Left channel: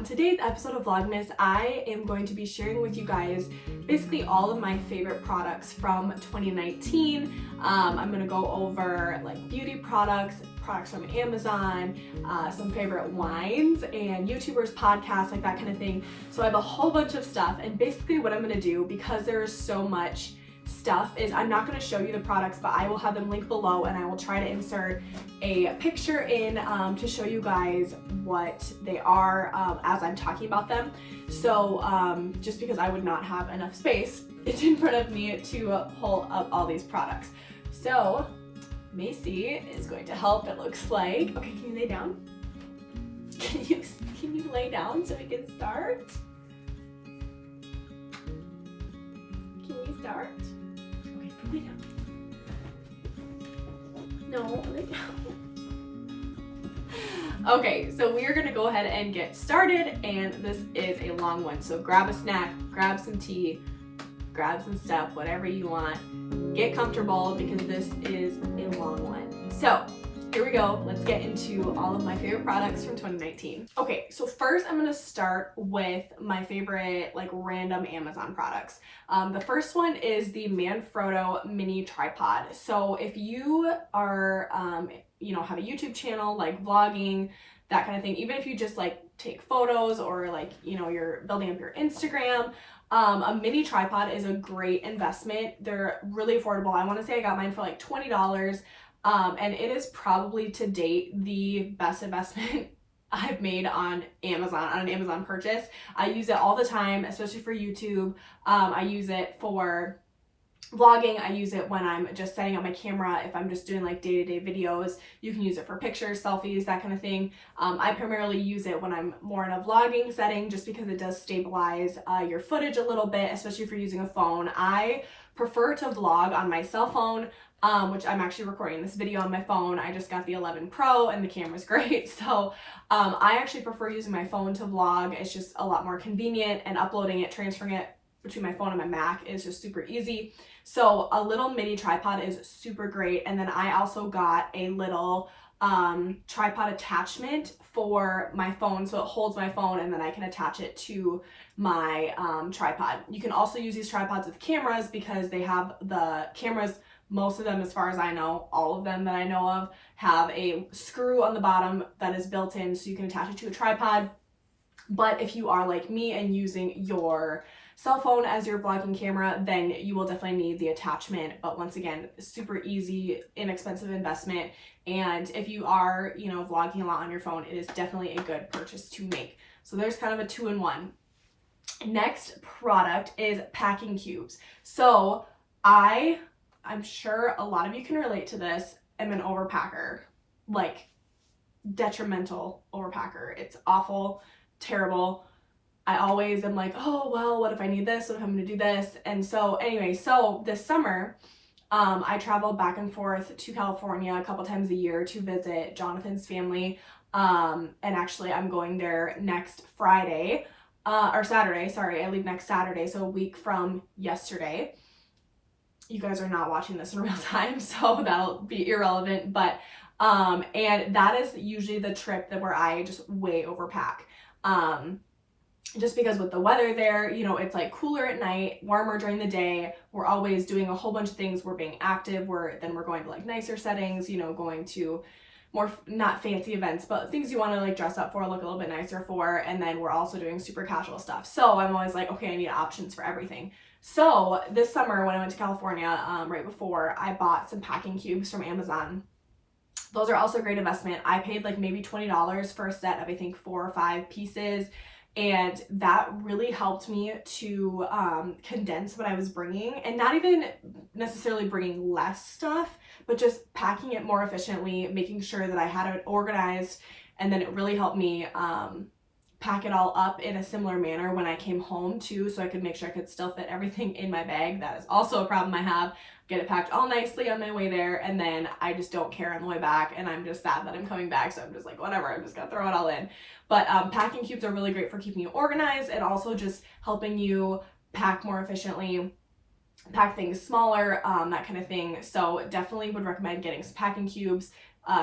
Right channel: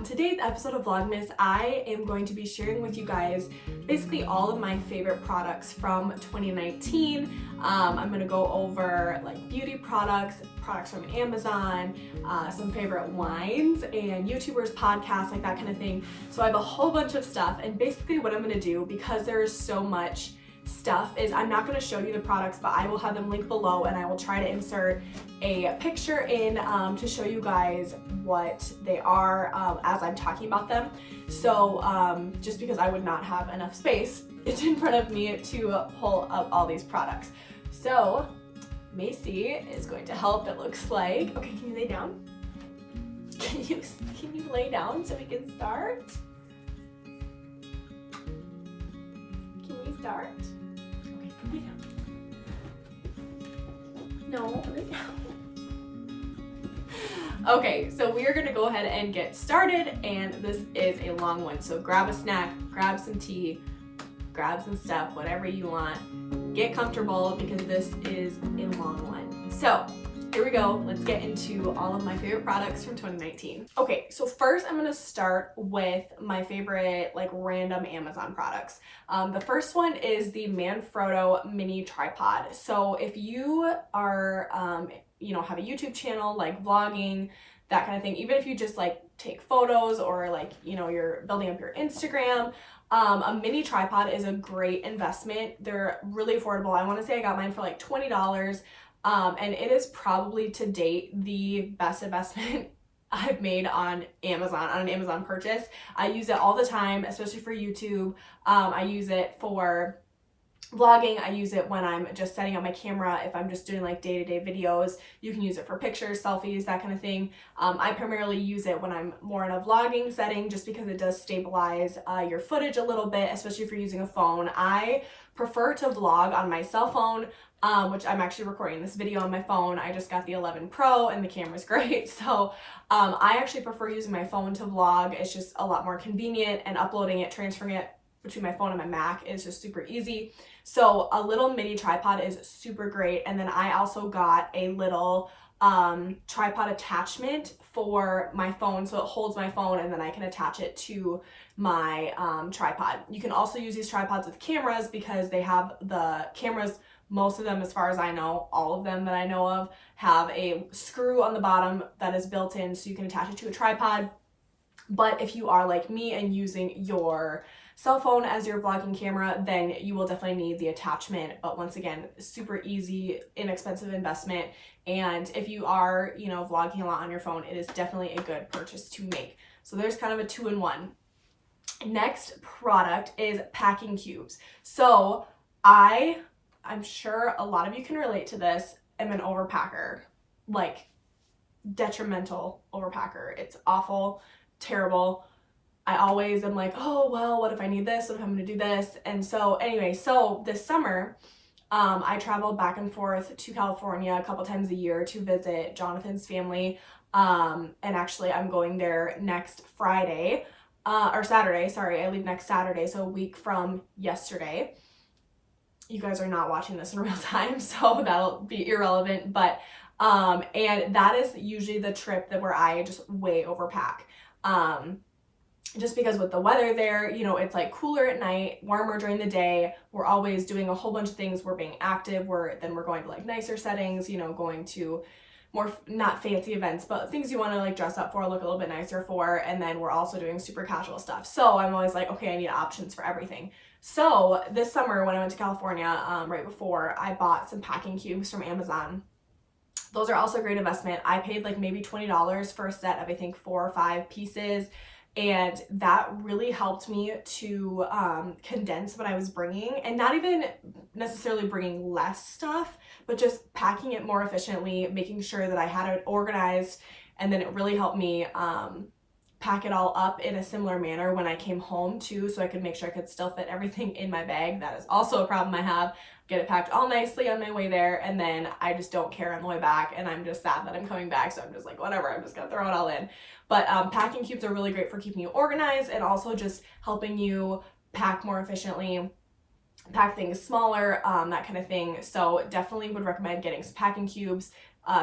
On today's episode of Vlogmas, I am going to be sharing with you guys basically all of my favorite products from 2019. I'm going to go over like beauty products from Amazon, some favorite wines and YouTubers, podcasts, like that kind of thing. So I have a whole bunch of stuff, and basically what I'm going to do, because there's so much stuff, is I'm not going to show you the products, but I will have them linked below, and I will try to insert a picture in to show you guys what they are as I'm talking about them. So just because I would not have enough space in front of me to pull up all these products. So Macy is going to help, it looks like. Okay, can you lay down? Can you lay down so we can start? Can we start? Okay, lay down. No, lay down. Okay, so we are gonna go ahead and get started, and this is a long one. So grab a snack, grab some tea, grab some stuff, whatever you want. Get comfortable because this is a long one. So here we go. Let's get into all of my favorite products from 2019. Okay, so first I'm gonna start with my favorite like random Amazon products. The first one is the Manfrotto mini tripod. So if you are, have a YouTube channel, like vlogging, that kind of thing, even if you just like take photos or like, you're building up your Instagram, a mini tripod is a great investment. They're really affordable. I want to say I got mine for like $20. And it is probably to date the best investment I've made on Amazon, on an Amazon purchase. I use it all the time, especially for YouTube. I use it for vlogging. I use it when I'm just setting up my camera. If I'm just doing like day-to-day videos, you can use it for pictures, selfies, that kind of thing. I primarily use it when I'm more in a vlogging setting, just because it does stabilize your footage a little bit, especially if you're using a phone. I prefer to vlog on my cell phone, which I'm actually recording this video on my phone. I just got the 11 Pro and the camera's great. So I actually prefer using my phone to vlog. It's just a lot more convenient, and uploading it, transferring it between my phone and my Mac is just super easy. So a little mini tripod is super great. And then I also got a little tripod attachment for my phone, so it holds my phone and then I can attach it to my tripod. You can also use these tripods with cameras, because they have the cameras, most of them, as far as I know, all of them that I know of, have a screw on the bottom that is built in, so you can attach it to a tripod. But if you are like me and using your cell phone as your vlogging camera, then you will definitely need the attachment. But once again, super easy, inexpensive investment. And if you are, vlogging a lot on your phone, it is definitely a good purchase to make. So there's kind of a 2-in-1. Next product is packing cubes. So I'm sure a lot of you can relate to this. I'm an overpacker, like detrimental overpacker. It's awful, terrible. I always am like, oh, well, what if I need this? What if I'm going to do this? And so anyway, so this summer, I traveled back and forth to California a couple times a year to visit Jonathan's family. And actually I'm going there next Friday, or Saturday, sorry. I leave next Saturday, so a week from yesterday. You guys are not watching this in real time, so that'll be irrelevant. But, and that is usually the trip where I just way overpack. Just because with the weather there, it's like cooler at night, warmer during the day. We're always doing a whole bunch of things. We're being active. We're going to like nicer settings, going to more, not fancy events, but things you want to like dress up for, look a little bit nicer for. And then we're also doing super casual stuff. So I'm always like, okay, I need options for everything. So this summer when I went to California, right before, I bought some packing cubes from Amazon. Those are also a great investment. I paid like maybe $20 for a set of, I think, 4 or 5 pieces. And that really helped me to condense what I was bringing, and not even necessarily bringing less stuff, but just packing it more efficiently, making sure that I had it organized. And then it really helped me pack it all up in a similar manner when I came home too, so I could make sure I could still fit everything in my bag. That is also a problem I have. Get it packed all nicely on my way there, and then I just don't care on the way back, and I'm just sad that I'm coming back, so I'm just like, whatever, I'm just gonna throw it all in. But packing cubes are really great for keeping you organized, and also just helping you pack more efficiently, pack things smaller, that kind of thing. So definitely would recommend getting some packing cubes.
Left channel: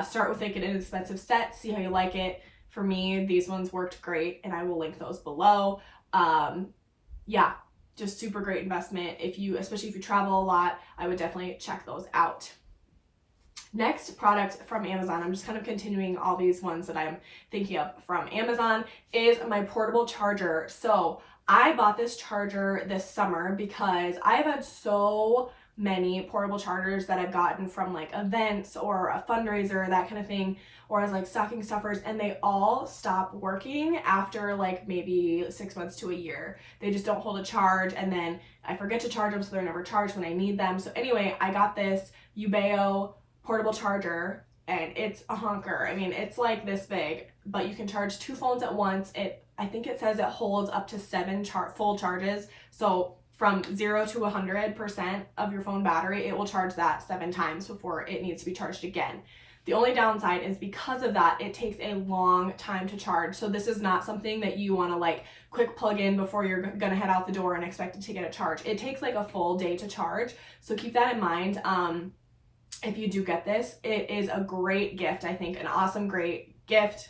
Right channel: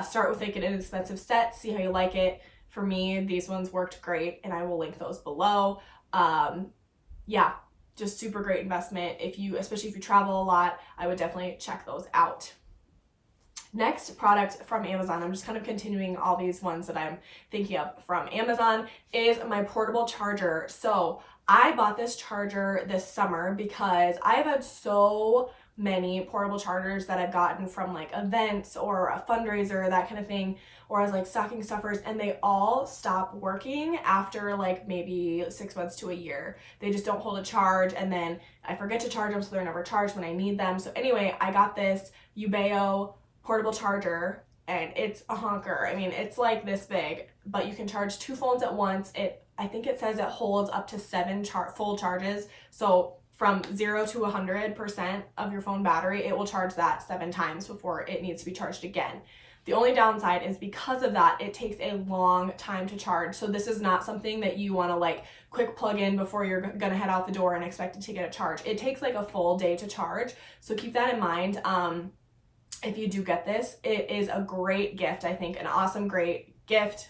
Start with like an inexpensive set, see how you like it. for me, these ones worked great, and I will link those below. Yeah, just super great investment. Especially if you travel a lot, I would definitely check those out. Next product from Amazon, I'm just kind of continuing all these ones that I'm thinking of from Amazon, is my portable charger. So I bought this charger this summer because I've had so many portable chargers that I've gotten from like events or a fundraiser, that kind of thing, or as like stocking stuffers, and they all stop working after like maybe 6 months to a year. They just don't hold a charge, and then I forget to charge them, so they're never charged when I need them. So anyway, I got this Ubeo portable charger, and it's a honker. I mean, it's like this big, but you can charge 2 phones at once. I think it says it holds up to 7 full charges. So from 0 to 100% of your phone battery, it will charge that 7 times before it needs to be charged again. The only downside is because of that, it takes a long time to charge. So this is not something that you want to like quick plug in before you're gonna head out the door and expect it to get a charge. It takes like a full day to charge. So keep that in mind. If you do get this, it is a great gift. I think an awesome great gift.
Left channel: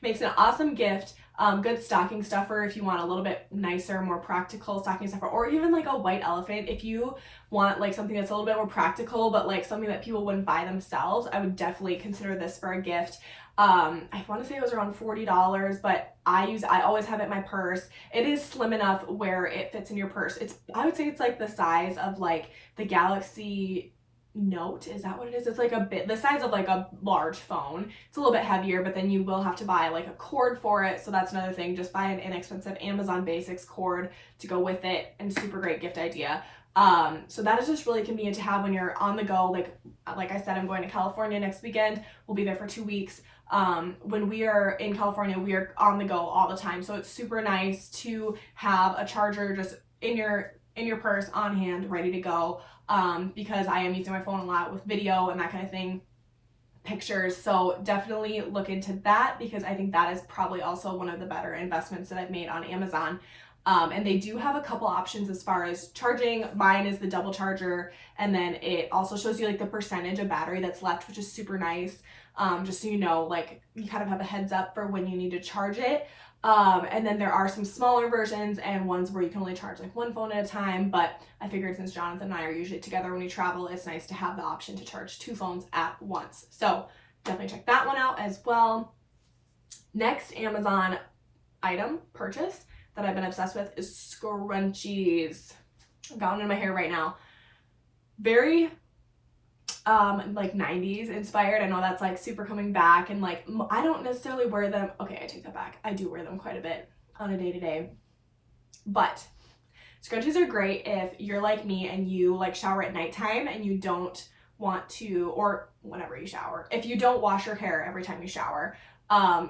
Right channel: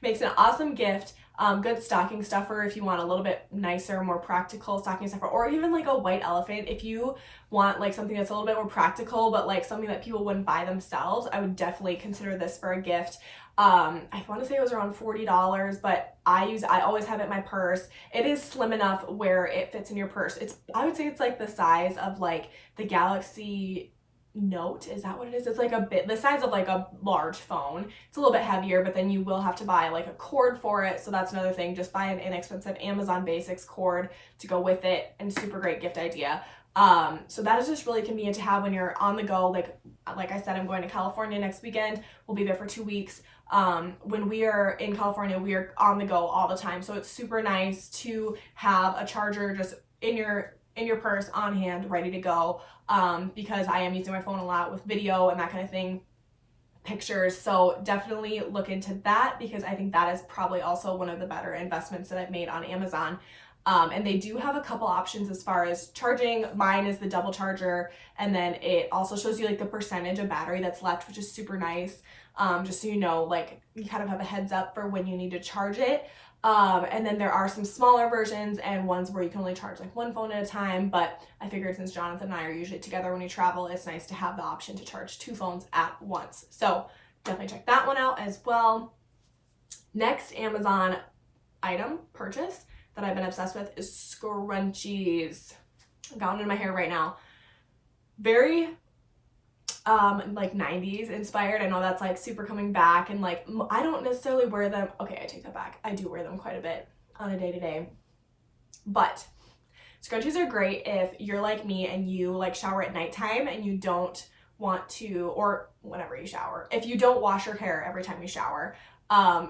Makes an awesome gift. Good stocking stuffer if you want a little bit nicer, more practical stocking stuffer, or even like a white elephant. If you want like something that's a little bit more practical, but like something that people wouldn't buy themselves, I would definitely consider this for a gift. I want to say it was around $40, but I always have it in my purse. It is slim enough where it fits in your purse. I would say it's like the size of like the Galaxy Note. Is that what it is? It's like the size of like a large phone. It's a little bit heavier, but then you will have to buy like a cord for it. So that's another thing. Just buy an inexpensive Amazon Basics cord to go with it, and super great gift idea. So that is just really convenient to have when you're on the go. Like I said, I'm going to California next weekend. We'll be there for 2 weeks. When we are in California, we are on the go all the time. So it's super nice to have a charger just in your purse, on hand, ready to go, because I am using my phone a lot with video and that kind of thing, pictures. So definitely look into that, because I think that is probably also one of the better investments that I've made on Amazon. And they do have a couple options as far as charging. Mine is the double charger, and then it also shows you like the percentage of battery that's left, which is super nice. Just so you know, like you kind of have a heads up for when you need to charge it. And then there are some smaller versions and ones where you can only charge like 1 phone at a time, but I figured since Jonathan and I are usually together when we travel, it's nice to have the option to charge 2 phones at once. So definitely check that one out as well. Next Amazon item purchase that I've been obsessed with is scrunchies. I've got one in my hair right now. Very like 90s inspired. I know that's like super coming back, and like I don't necessarily wear them. Okay, I take that back. I do wear them quite a bit on a day-to-day. But scrunchies are great if you're like me and you like shower at nighttime and you don't want to, or whenever you shower, if you don't wash your hair every time you shower.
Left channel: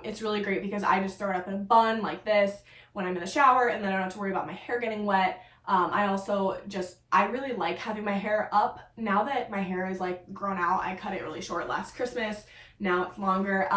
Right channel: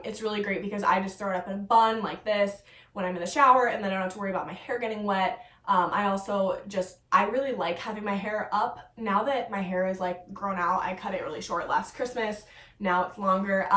It's really great because I just throw it up in a bun like this when I'm in the shower, and then I don't have to worry about my hair getting wet. I really like having my hair up. Now that my hair is like grown out, I cut it really short last Christmas. Now it's longer.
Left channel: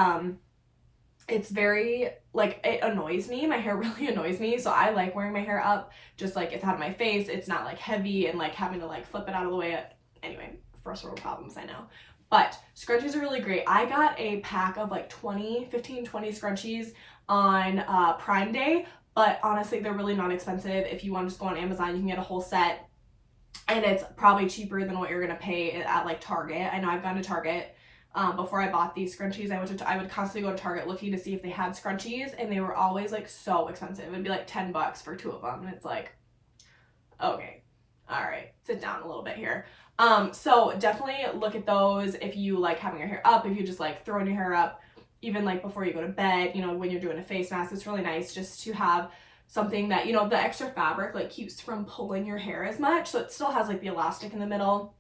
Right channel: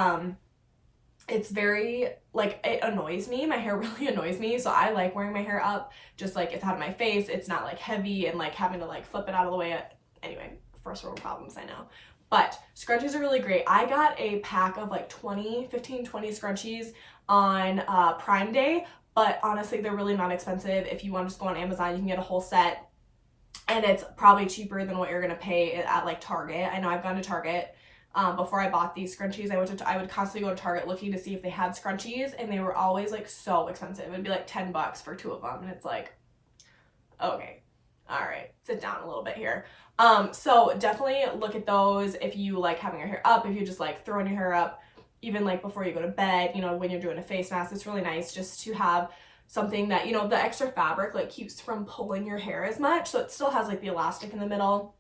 It's very, like, it annoys me. My hair really annoys me. So I like wearing my hair up, just like it's out of my face. It's not like heavy and like having to like flip it out of the way. Anyway, first world problems, I know. But scrunchies are really great. I got a pack of like 20 scrunchies on Prime Day. But honestly, they're really not expensive. If you want to just go on Amazon, you can get a whole set. And it's probably cheaper than what you're going to pay at like Target. I know I've gone to Target before I bought these scrunchies. I would constantly go to Target looking to see if they had scrunchies. And they were always like so expensive. It'd be like $10 for 2 of them. And it's like, okay, all right, sit down a little bit here. So definitely look at those if you like having your hair up, if you just like throwing your hair up. Even like before you go to bed, you know, when you're doing a face mask, it's really nice just to have something that, you know, the extra fabric like keeps from pulling your hair as much. So it still has like the elastic in the middle,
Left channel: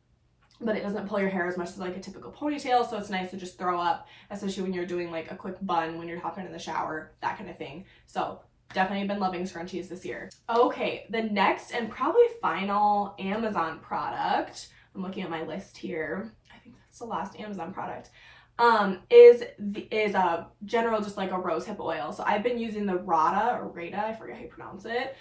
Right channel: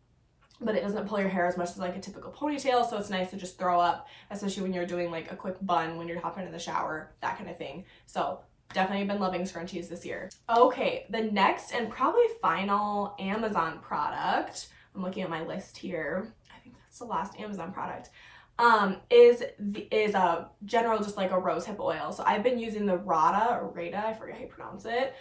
but it doesn't pull your hair as much as like a typical ponytail. So it's nice to just throw up, especially when you're doing like a quick bun when you're hopping in the shower, that kind of thing. So definitely been loving scrunchies this year. Okay, the next and probably final Amazon product, I'm looking at my list here. I think that's the last Amazon product. Is a general, just like a rose hip oil. So I've been using the Rada, I forget how you pronounce it.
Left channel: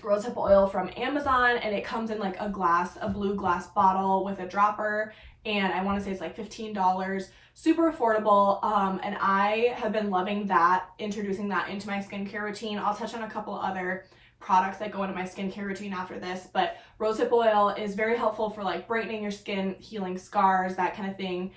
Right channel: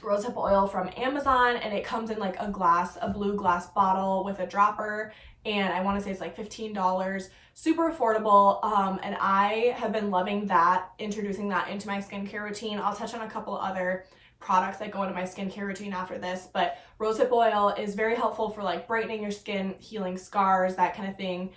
rosehip oil from Amazon, and it comes in like a blue glass bottle with a dropper, and I want to say it's like $15, super affordable. And I have been loving that, introducing that into my skincare routine. I'll touch on a couple other products that go into my skincare routine after this, but rosehip oil is very helpful for like brightening your skin, healing scars, that kind of thing.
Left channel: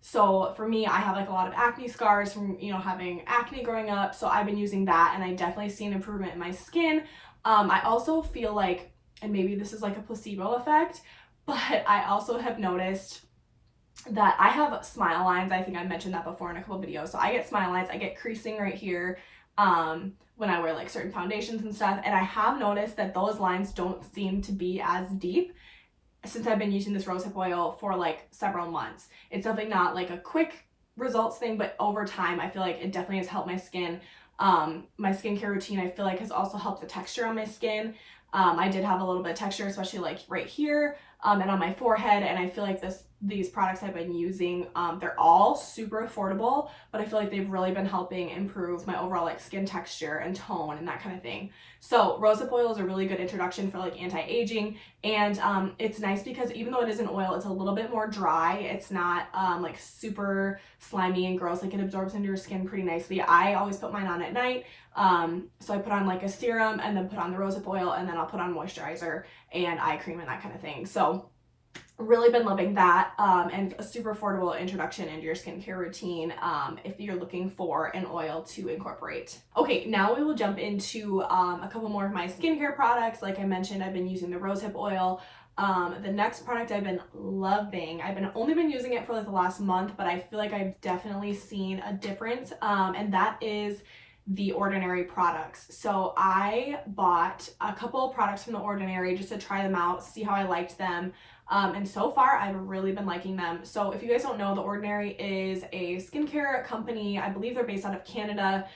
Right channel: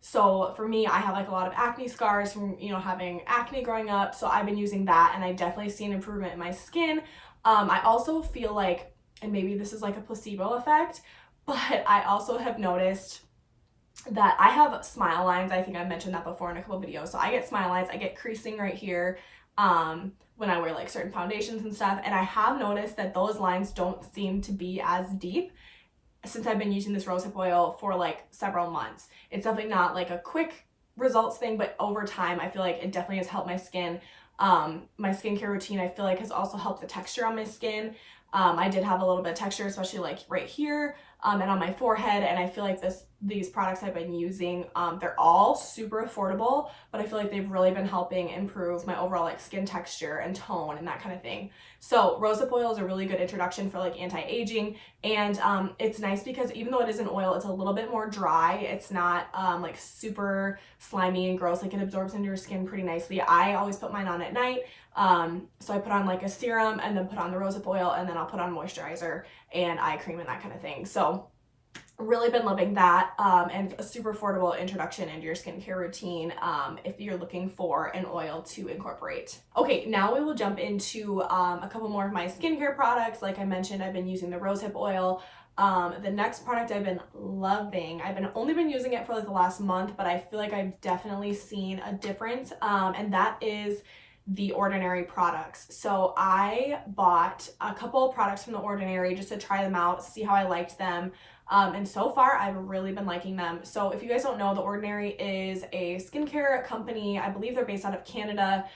So for me, I have like a lot of acne scars from, you know, having acne growing up. So I've been using that, and I definitely see an improvement in my skin. I also feel like, and maybe this is like a placebo effect, but I also have noticed that I have smile lines. I think I mentioned that before in a couple videos. So I get smile lines, I get creasing right here, when I wear like certain foundations and stuff. And I have noticed that those lines don't seem to be as deep since I've been using this rosehip oil for like several months. It's definitely not like a quick results thing, but over time I feel like it definitely has helped my skin. My skincare routine, I feel like, has also helped the texture on my skin. I did have a little bit of texture, especially like right here, and on my forehead, and I feel like these products I've been using, they're all super affordable, but I feel like they've really been helping improve my overall like skin texture and tone and that kind of thing. So rosehip oil is a really good introduction for like anti-aging, and it's nice because even though it is an oil, it's a little bit more dry. It's not like super slimy and gross. Like, it absorbs into your skin pretty nicely. I always put mine on at night. So I put on like a serum, and then put on the rosehip oil, and then I'll put on moisturizer and eye cream and that kind of thing. So really been loving that, and a super affordable introduction into your skincare routine, if you're looking for an oil to incorporate. Okay, now we will jump into a couple more of my skincare products. Like I mentioned, I've been using the rosehip oil. The next product I've been loving, only been using it for like the last month, but I feel like I've definitely seen a difference, and that is The Ordinary products. So I bought a couple of products from The Ordinary just to try them out, see how I liked them. And so far I've really been liking them. So if you guys don't know, The Ordinary is a skincare company. I believe they're based out of Canada.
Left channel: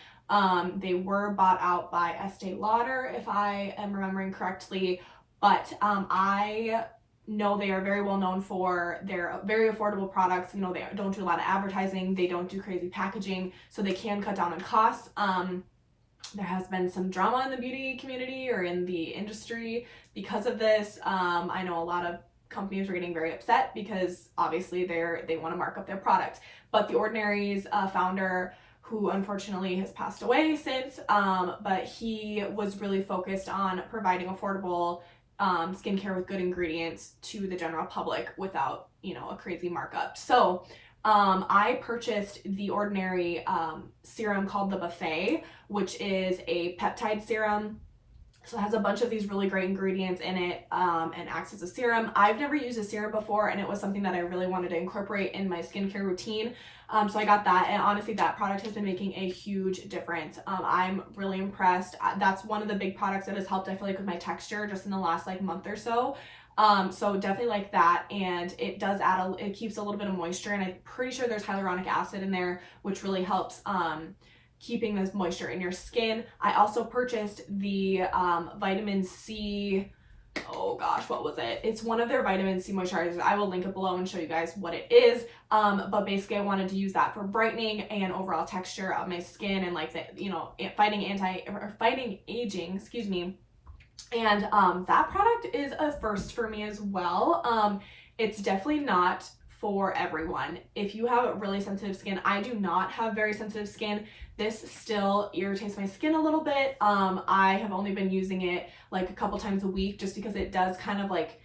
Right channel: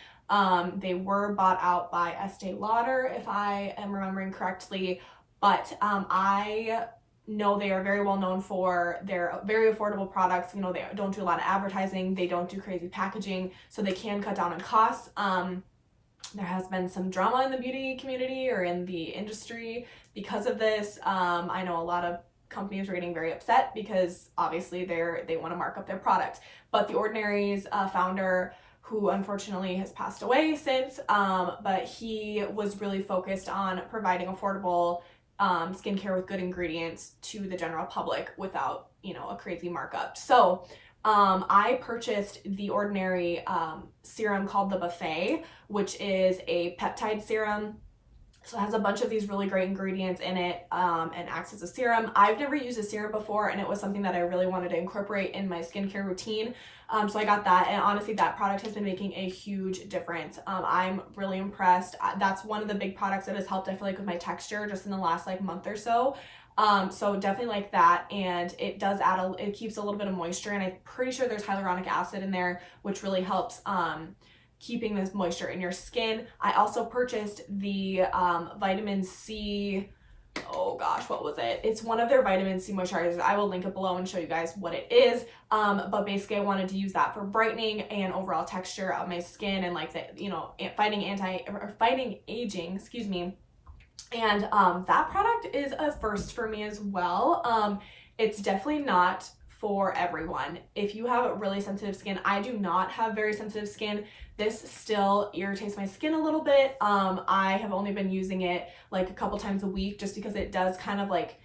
They were bought out by Estee Lauder, if I am remembering correctly, but I know they are very well known for their very affordable products. You know, they don't do a lot of advertising, they don't do crazy packaging, so they can cut down on costs. There has been some drama in the beauty community or in the industry because of this. I know a lot of companies are getting very upset because obviously they want to mark up their product. But The Ordinary's founder, who unfortunately has passed away since, but he was really focused on providing affordable skincare with good ingredients to the general public without, you know, a crazy markup. So I purchased The Ordinary serum called the Buffet, which is a peptide serum. So it has a bunch of these really great ingredients in it, and acts as a serum. I've never used a serum before, and it was something that I really wanted to incorporate in my skincare routine. So I got that, and honestly, that product has been making a huge difference. I'm really impressed. That's one of the big products that has helped, I feel like, with my texture just in the last like month or so. So definitely like that, and it does add it keeps a little bit of moisture, and I'm pretty sure there's hyaluronic acid in there, which really helps keeping this moisture in your skin. I also purchased the vitamin C, oh gosh, what was it? It's one of their vitamin C moisturizers. I will link it below and show you guys what it is. But basically I wanted to use that for brightening and overall texture of my skin, and like the, you know, fighting aging, excuse me. And that product is a first for me as well. It's definitely not for everyone. If you have really sensitive skin, I do not have very sensitive skin. This still irritates my skin a little bit. I have only been using it like a couple times a week just because it does kind of like,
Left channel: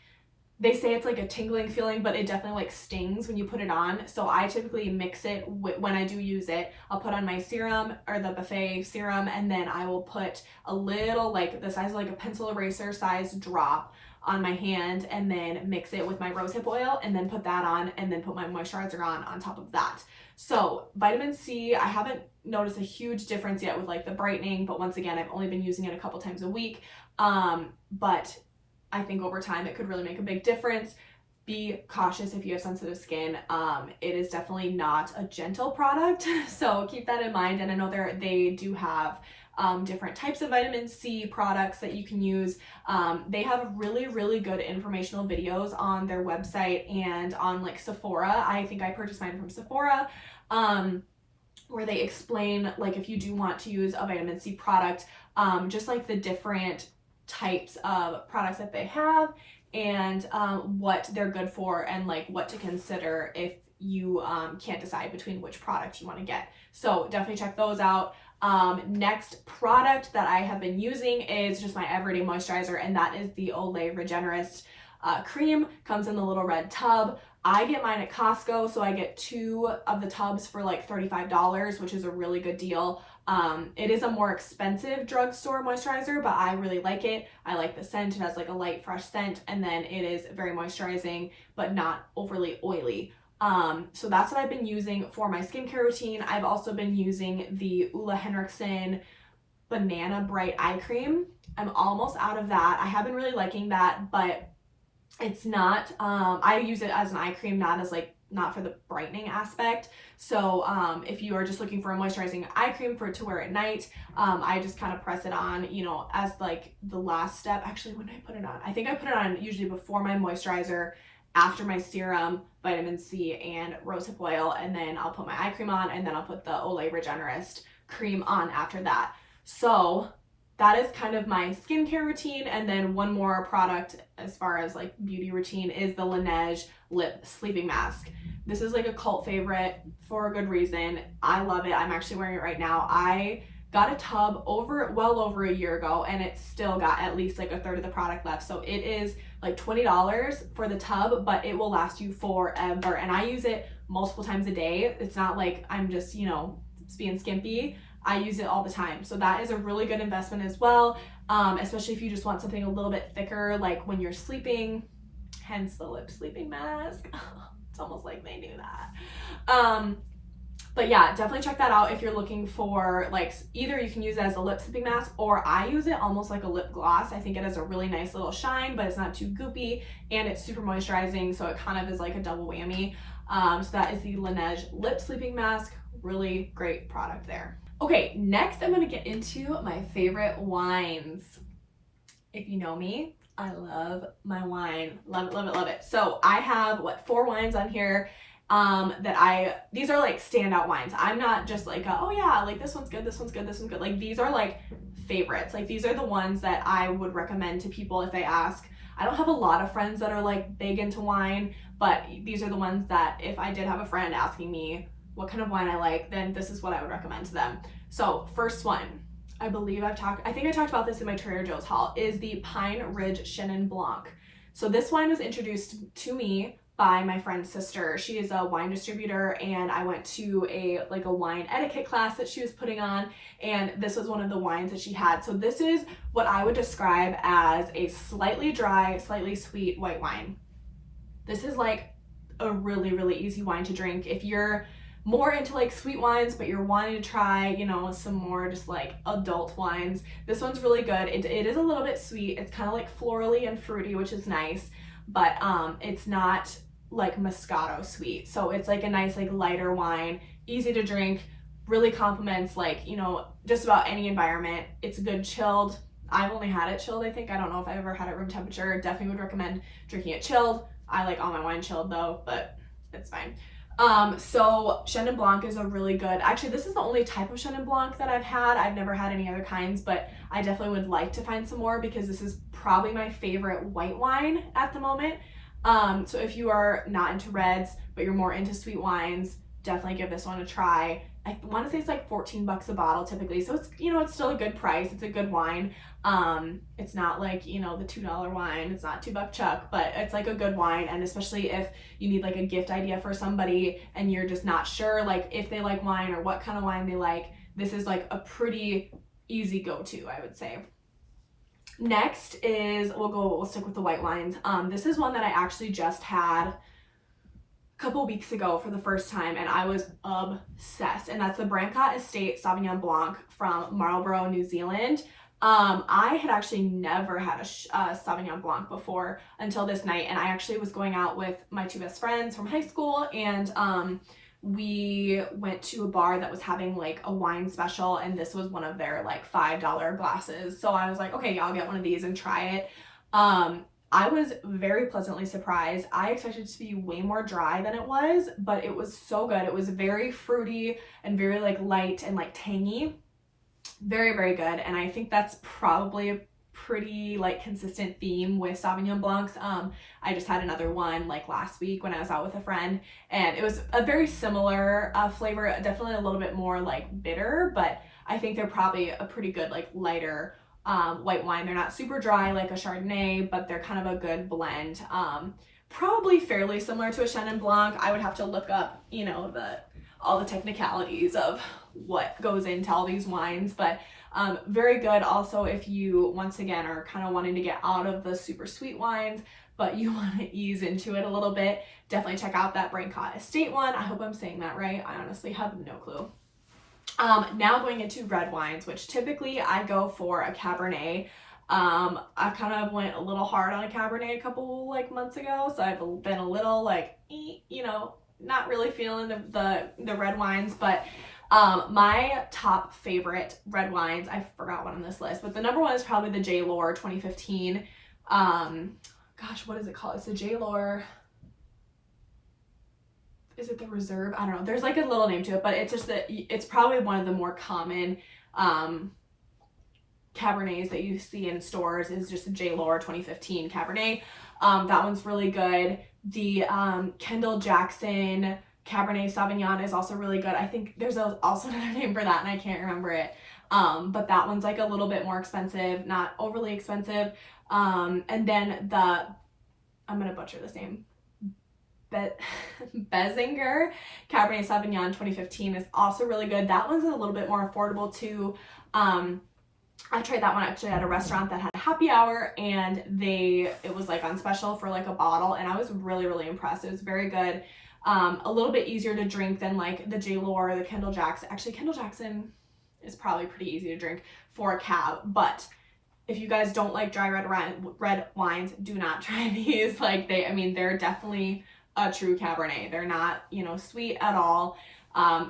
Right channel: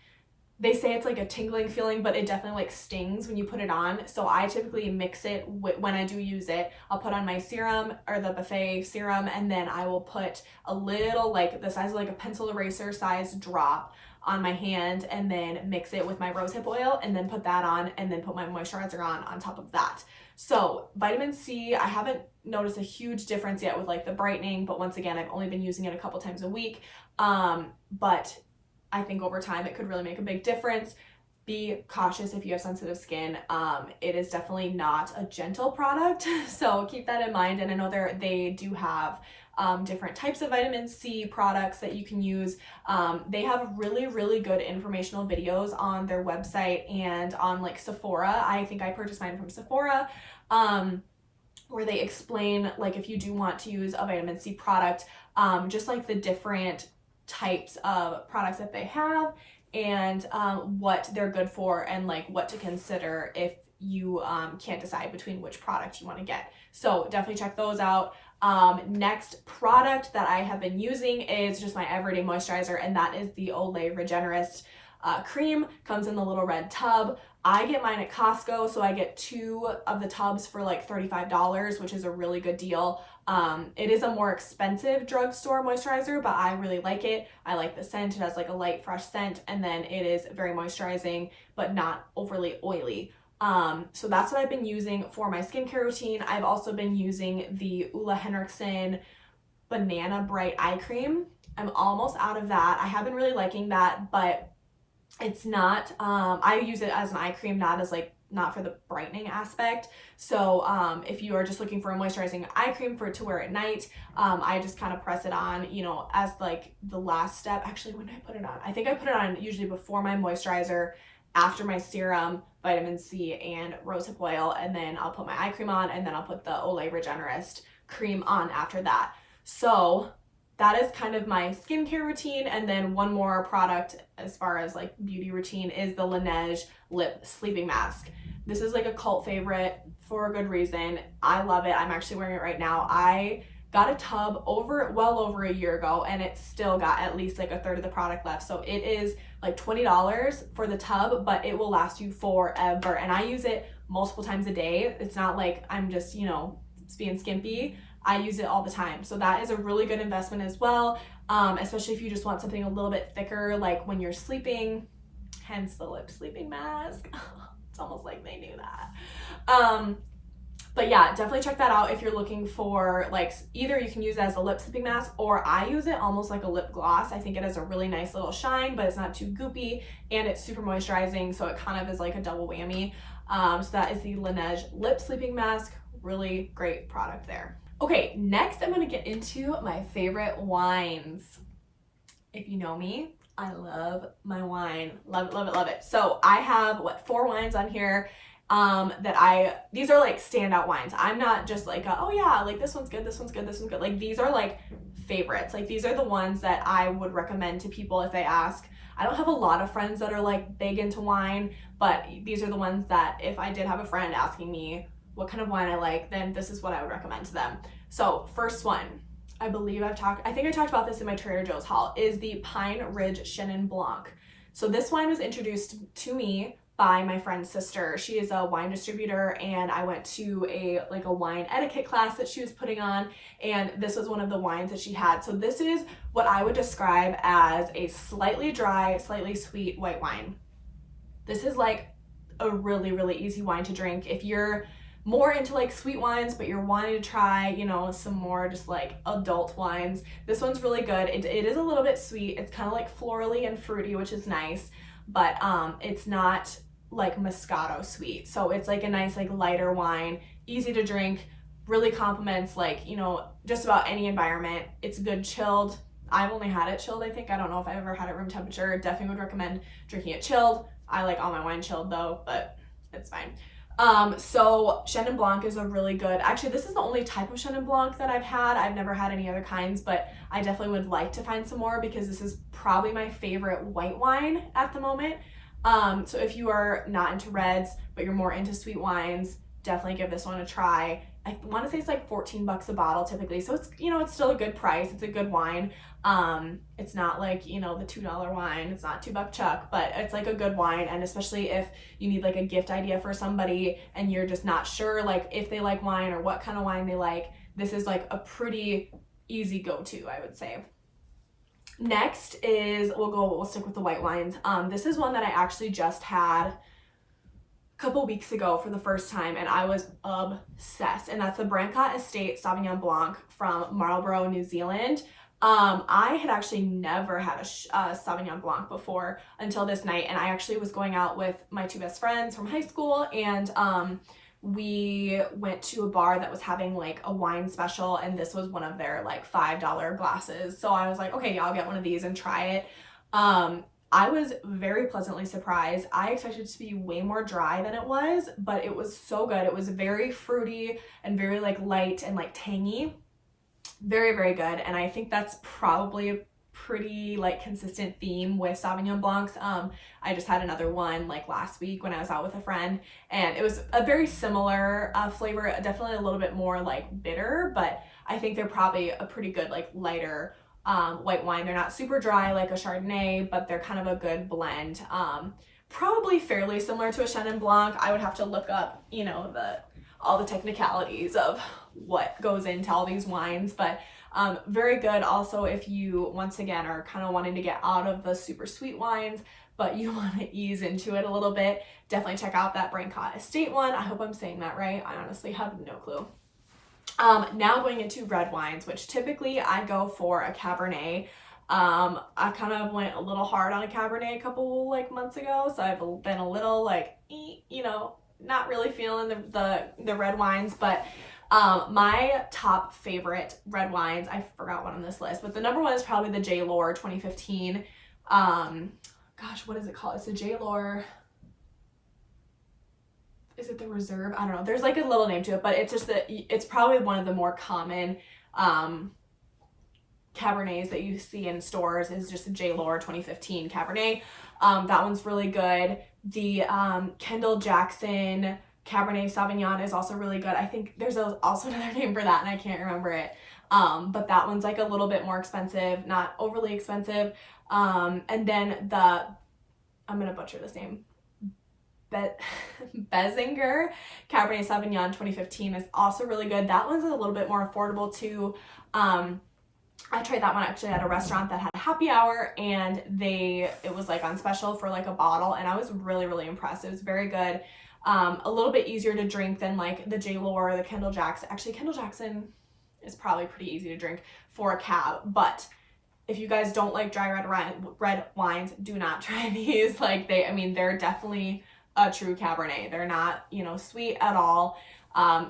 they say it's like a tingling feeling, but it definitely like stings when you put it on. So I typically mix it when I do use it. I'll put on my serum, or the Buffet serum, and then I will put a little, like the size of like a pencil eraser size drop on my hand, and then mix it with my rosehip oil, and then put that on, and then put my moisturizer on top of that. So vitamin C, I haven't noticed a huge difference yet with like the brightening, but once again, I've only been using it a couple times a week. But I think over time it could really make a big difference. Be cautious if you have sensitive skin. It is definitely not a gentle product, so keep that in mind. And I know they do have different types of vitamin C products that you can use. They have really, really good informational videos on their website and on like Sephora. I think I purchased mine from Sephora. where they explain like if you do want to use a vitamin C product, just like the different types of products that they have and what they're good for and like what to consider if you can't decide between which product you want to get. So definitely check those out. Next product that I have been using is just my everyday moisturizer, and that is the Olay Regenerist cream. Comes in the little red tub. I get mine at Costco, so I get 2 of the tubs for like $35, which is a really good deal. It is a more expensive drugstore moisturizer, but I really like it. I like the scent. It has like a light, fresh scent, and then it is very moisturizing, but not overly oily. So that's what I've been using for my skincare routine. I've also been using the Ulla Henriksen Banana Bright Eye Cream. I'm almost out of that. I have been really liking that, but it's not, I use it as an eye cream, not as like, not for the brightening aspect. So if you are just looking for a moisturizing eye cream to wear at night, I just kind of press it on, you know, as like the last step. Actually, when did I put it on? I think I put it on usually before my moisturizer, after my serum, vitamin C, and rosehip oil, and then I'll put my eye cream on, and then I'll put the Olay Regenerist cream on after that. So that is kind of my skincare routine. And then one more product as far as like beauty routine is the Laneige Lip Sleeping Mask. This is like a cult favorite for a good reason. I love it. I'm actually wearing it right now. I got a tub well over a year ago, and it's still got at least like a third of the product left. So it is like $20 for the tub, but it will last you forever. And I use it multiple times a day. It's not like I'm just, you know, being skimpy. I use it all the time. So that is a really good investment as well, especially if you just want something a little bit thicker, like when you're sleeping, hence the lip sleeping mask. It's almost like they knew that. But yeah, definitely check that out if you're looking for like, either you can use it as a lip sleeping mask, or I use it almost like a lip gloss. I think it has a really nice little shine, but it's not too goopy, and it's super moisturizing, so it kind of is like a double whammy. So that is the Laneige Lip Sleeping Mask. Really great product there. Okay, next I'm gonna get into my favorite wines. If you know me, I love my wine. Love it, love it, love it. So I have, 4 wines on here these are like standout wines. I'm not just like, oh yeah, like this one's good, this one's good, this one's good. Like these are like favorites. Like these are the ones that I would recommend to people if they ask. I don't have a lot of friends that are like big into wine, but these are the ones that if I did have a friend asking me what kind of wine I like, then this is what I would recommend to them. So first one, I think I talked about this in my Trader Joe's haul, is the Pine Ridge Chenin Blanc. So this wine was introduced to me by my friend's sister. She is a wine distributor, and I went to a wine etiquette class that she was putting on, and this was one of the wines that she had. So this is what I would describe as a slightly dry, slightly sweet white wine. This is like a really, really easy wine to drink. If you're more into like sweet wines, but you're wanting to try, you know, some more just like adult wines, this one's really good. It is a little bit sweet. It's kind of like florally and fruity, which is nice, but it's not like Moscato sweet. So it's like a nice like lighter wine, easy to drink, really complements like, you know, just about any environment. It's good chilled. I've only had it chilled, I think. I don't know if I've ever had it room temperature. Definitely would recommend drinking it chilled. I like all my wine chilled though, but it's fine. So Chenin Blanc is a really good, actually this is the only type of Chenin Blanc that I've had. I've never had any other kinds, but I definitely would like to find some more because this is probably my favorite white wine at the moment. So if you are not into reds, but you're more into sweet wines, definitely give this one a try. I want to say it's like $14 a bottle typically. So it's, you know, it's still a good price. It's a good wine. It's not like, you know, the $2 wine. It's not $2 Chuck, but it's like a good wine. And especially if you need like a gift idea for somebody and you're just not sure like if they like wine or what kind of wine they like, this is like a pretty easy go-to, I would say. Next is, we'll stick with the white wines. This is one that I actually just had a couple weeks ago for the first time, and I was obsessed. And that's the Brancott Estate Sauvignon Blanc from Marlborough, New Zealand. I had actually never had a Sauvignon Blanc before until this night, and I actually was going out with my 2 best friends from high school, and we went to a bar that was having like a wine special, and this was one of their like $5 glasses. So I was like, okay, yeah, I'll get one of these and try it. I was very pleasantly surprised. I expected it to be way more dry than it was, but it was so good. It was very fruity and very like light and like tangy. Very, very good. And I think that's probably a pretty like consistent theme with Sauvignon Blancs. I just had another one like last week when I was out with a friend, and it was a very similar flavor, definitely a little bit more like bitter, but I think they're probably a pretty good like lighter white wine. They're not super dry like a Chardonnay, but they're kind of a good blend. Probably fairly similar to a Chenin Blanc. I would have to look up, you know, all the technicalities of what goes into all these wines, but very good. Also, if you once again are kind of wanting to get out of the super sweet wines, but you want to ease into it a little bit, definitely check out that Brancott Estate one. I hope I'm saying that right. I honestly have no clue. Now going into red wines, which typically I go for a Cabernet. I kind of went a little hard on a Cabernet a couple like months ago, so I've been a little like, you know, not really feeling the red wines, but my top favorite red wines, I forgot one on this list, but the number one is probably the J. Lohr 2015. Gosh, what is it called? It's the J. Lohr. Is it the Reserve? I don't know. There's like a little name to it, but it's just that it's probably one of the more common Cabernets that you see in stores is just the J. Lohr 2015 Cabernet. That one's really good. The Kendall Jackson Cabernet Sauvignon is also really good. I think there's also another name for that and I can't remember it. But that one's like a little bit more expensive, not overly expensive. And then I'm going to butcher this name, Bezinger Cabernet Sauvignon 2015 is also really good. That one's a little bit more affordable too. I tried that one actually at a restaurant that had a happy hour, and it was like on special for like a bottle, and I was really, really impressed. It was very good. A little bit easier to drink than like the J. Lohr or the Kendall Jackson. Actually, Kendall Jackson is probably pretty easy to drink for a cab, but if you guys don't like dry red wines, do not try these. Like they're definitely a true Cabernet. They're not, you know, sweet at all.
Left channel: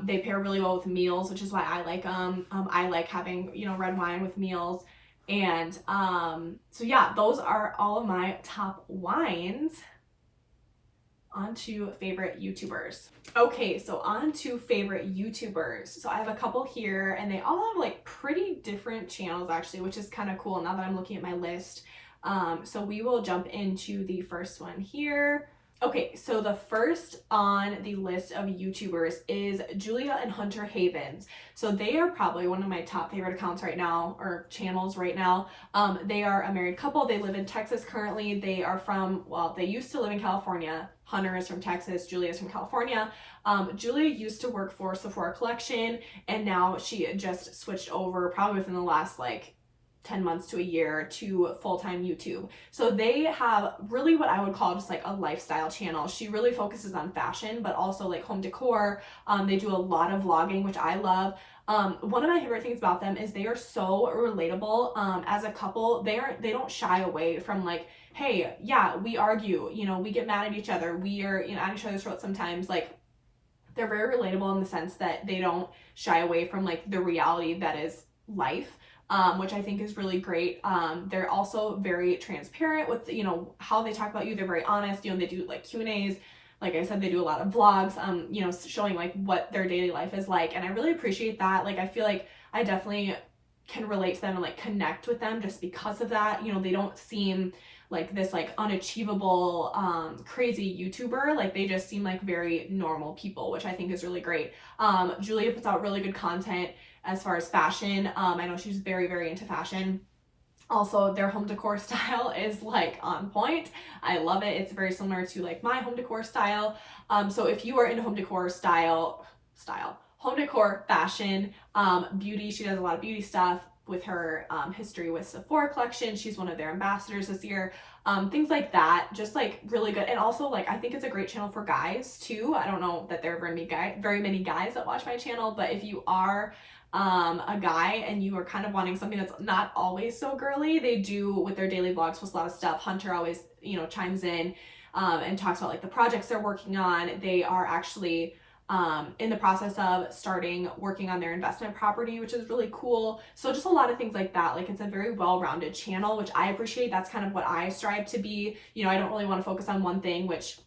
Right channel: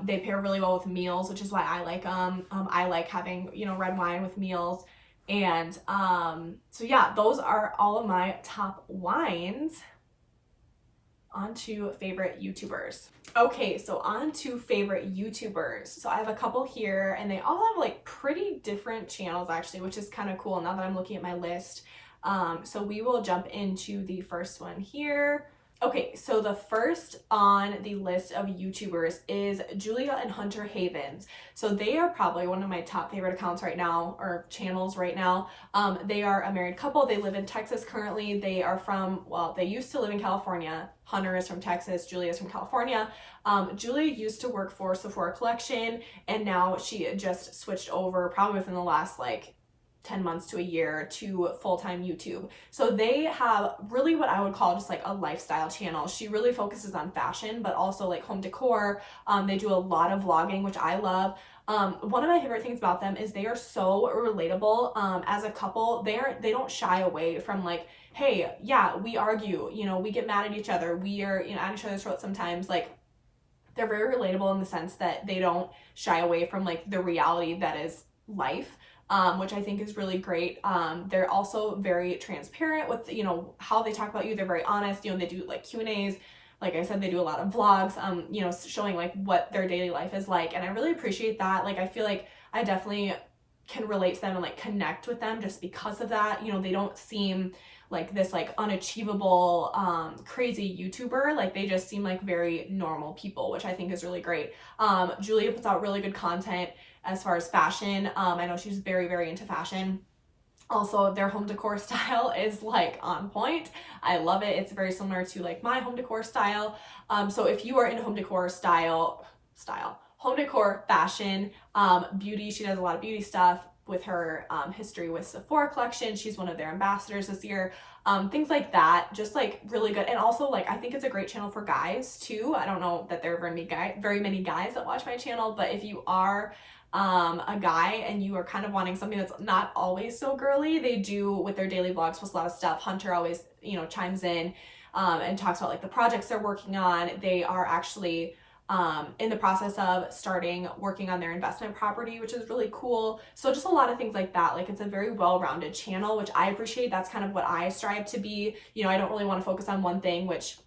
They pair really well with meals, which is why I like them. I like having, you know, red wine with meals. And so yeah, those are all of my top wines. On to favorite YouTubers. Okay, so on to favorite YouTubers. So I have a couple here, and they all have like pretty different channels actually, which is kind of cool now that I'm looking at my list. So we will jump into the first one here. Okay, so the first on the list of YouTubers is Julia and Hunter Havens. So they are probably one of my top favorite accounts right now, or channels right now. They are a married couple. They live in Texas currently. They are from, well, they used to live in California. Hunter is from Texas, Julia is from California. Julia used to work for Sephora Collection, and now she just switched over probably within the last like 10 months to a year to full-time YouTube. So they have really what I would call just like a lifestyle channel. She really focuses on fashion, but also like home decor. They do a lot of vlogging, which I love. One of my favorite things about them is they are so relatable. As a couple, they don't shy away from like, hey, yeah, we argue, you know, we get mad at each other. We are, you know, at each other's throats sometimes. Like, they're very relatable in the sense that they don't shy away from like the reality that is life. Which I think is really great. They're also very transparent with, you know, how they talk about you. They're very honest. You know, they do like Q&As. Like I said, they do a lot of vlogs, you know, showing like what their daily life is like. And I really appreciate that. Like, I feel like I definitely can relate to them and like connect with them just because of that. You know, they don't seem like this like unachievable, crazy YouTuber. Like, they just seem like very normal people, which I think is really great. Julia puts out really good content as far as fashion. I know she's very, very into fashion. Also, their home decor style is like on point. I love it. It's very similar to like my home decor style. So if you are into home decor home decor, fashion, beauty, she does a lot of beauty stuff with her history with Sephora Collection. She's one of their ambassadors this year. Things like that, just like really good. And also, like, I think it's a great channel for guys too. I don't know that there are very many guys that watch my channel, but if you are a guy and you are kind of wanting something that's not always so girly, they do with their daily vlogs post a lot of stuff. Hunter always, you know, chimes in and talks about like the projects they're working on. They are actually in the process of starting working on their investment property, which is really cool. So just a lot of things like that. Like, it's a very well-rounded channel, which I appreciate. That's kind of what I strive to be. You know, I don't really want to focus on one thing, which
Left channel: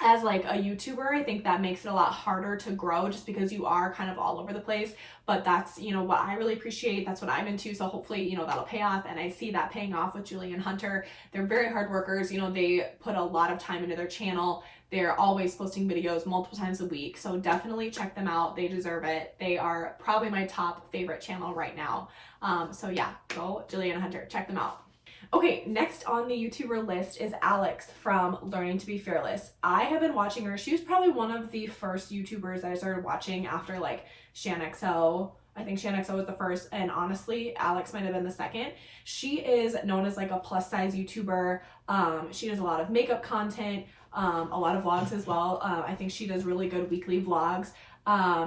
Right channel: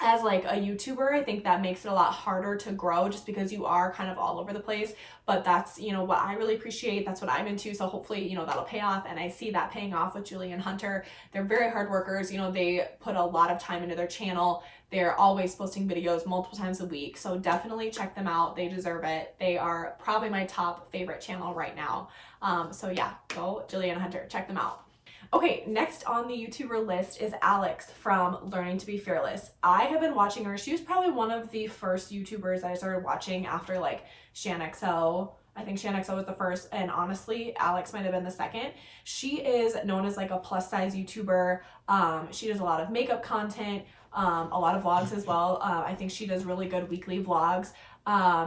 as like a YouTuber, I think that makes it a lot harder to grow just because you are kind of all over the place. But that's, you know, what I really appreciate. That's what I'm into. So hopefully, you know, that'll pay off. And I see that paying off with Julie and Hunter. They're very hard workers. You know, they put a lot of time into their channel. They're always posting videos multiple times a week. So definitely check them out. They deserve it. They are probably my top favorite channel right now. So yeah, go Julie and Hunter, check them out. Okay, next on the YouTuber list is Alex from Learning to Be Fearless. I have been watching her. She was probably one of the first YouTubers that I started watching after like ShanXO. I think ShanXO was the first, and honestly, Alex might have been the second. She is known as like a plus size YouTuber. She does a lot of makeup content, a lot of vlogs as well. I think she does really good weekly vlogs.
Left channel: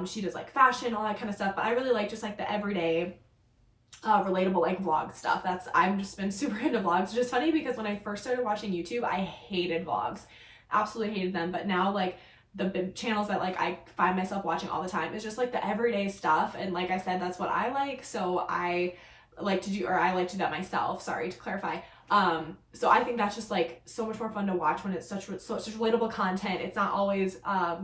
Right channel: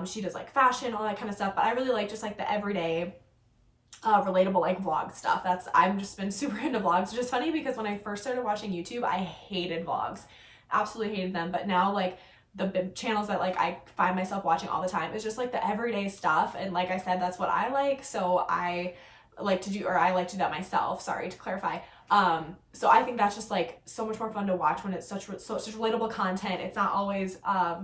She does like fashion, all that kind of stuff, but I really like just like the everyday relatable like vlog stuff. I've just been super into vlogs, which is funny because when I first started watching YouTube, I hated vlogs, absolutely hated them. But now like the big channels that like I find myself watching all the time is just like the everyday stuff. And like I said, that's what I like. So I like to do that myself, sorry to clarify. So I think that's just like so much more fun to watch when it's such relatable content. It's not always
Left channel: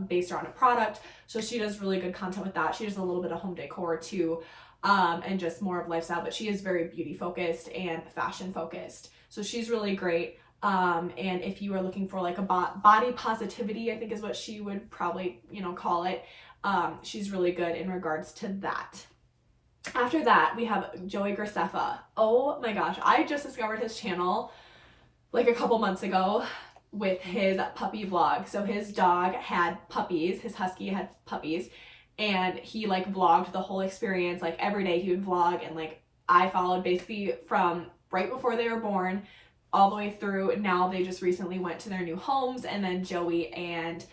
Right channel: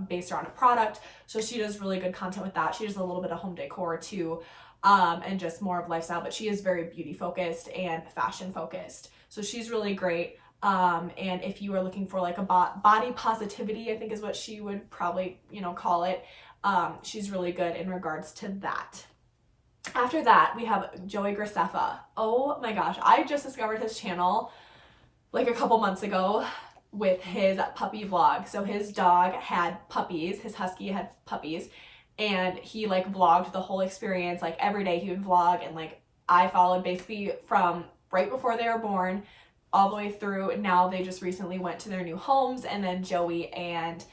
based around a product. So she does really good content with that. She does a little bit of home decor too. And just more of lifestyle, but she is very beauty focused and fashion focused. So she's really great. And if you are looking for like a body positivity, I think is what she would probably, you know, call it. She's really good in regards to that. After that, we have Joey Graceffa. Oh my gosh, I just discovered his channel like a couple months ago with his puppy vlog. So his dog had puppies, his husky had puppies, and he like vlogged the whole experience. Like every day he would vlog, and like I followed basically from right before they were born all the way through. Now they just recently went to their new homes, and then Joey and